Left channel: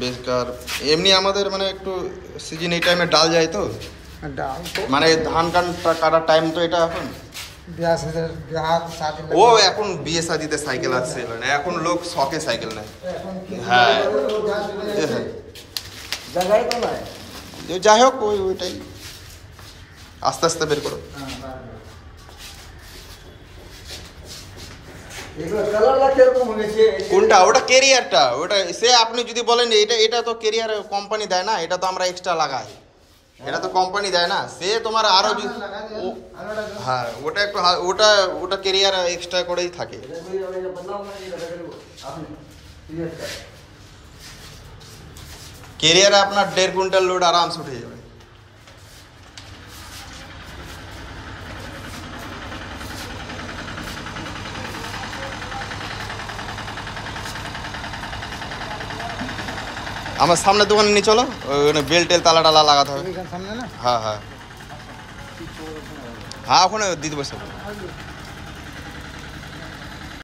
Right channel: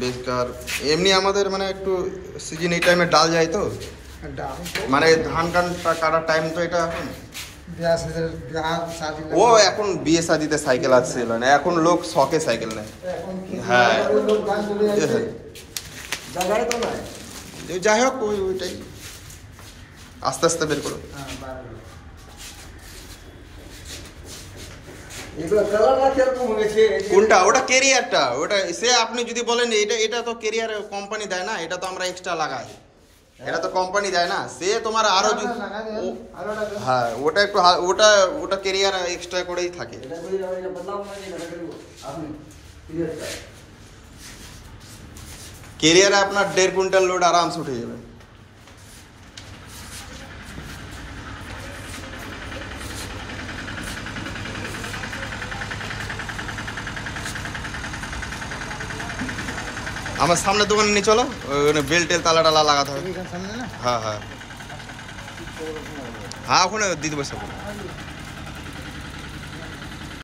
বেকার এমনি আমাদের মানে একটু সিজন এই টাইমে ডাল যায় তো, মানে ধান কাটার টাইম তো এটা এখন। ও এখন বিয়ে শাদিতে সাইকেল আসছিল না, এখন লোক শখে সাইকেল নেয়। হ্যাঁ যাই হোক ওইটাই আস্তে আস্তে বের করো। কোনটা? ওটা কেরিয়ারটা, ওটা সে আপনি যদি বলেন এটা তো কেরিয়ার কোম্পানি দেয় না, এটা তো আমরা এক্সট্রা লাগাই, এটা তো কোম্পানি দেয় না। সে তোমার আরো হ্যাঁ ওটা একটু ওটা কেরিয়ার এক্সট্রা করেই থাকে। কেরিয়ারে আপনার 1.5 কুইন্টাল লোড আরামসে উঠে যাবে। আমার সামনে দোকানে নিয়ে চলো, ওখানে বেল টেল তালা টালা লাগাতে হবে। হ্যাঁ হ্যাঁ হ্যাঁ ওখানে দিতে বসে।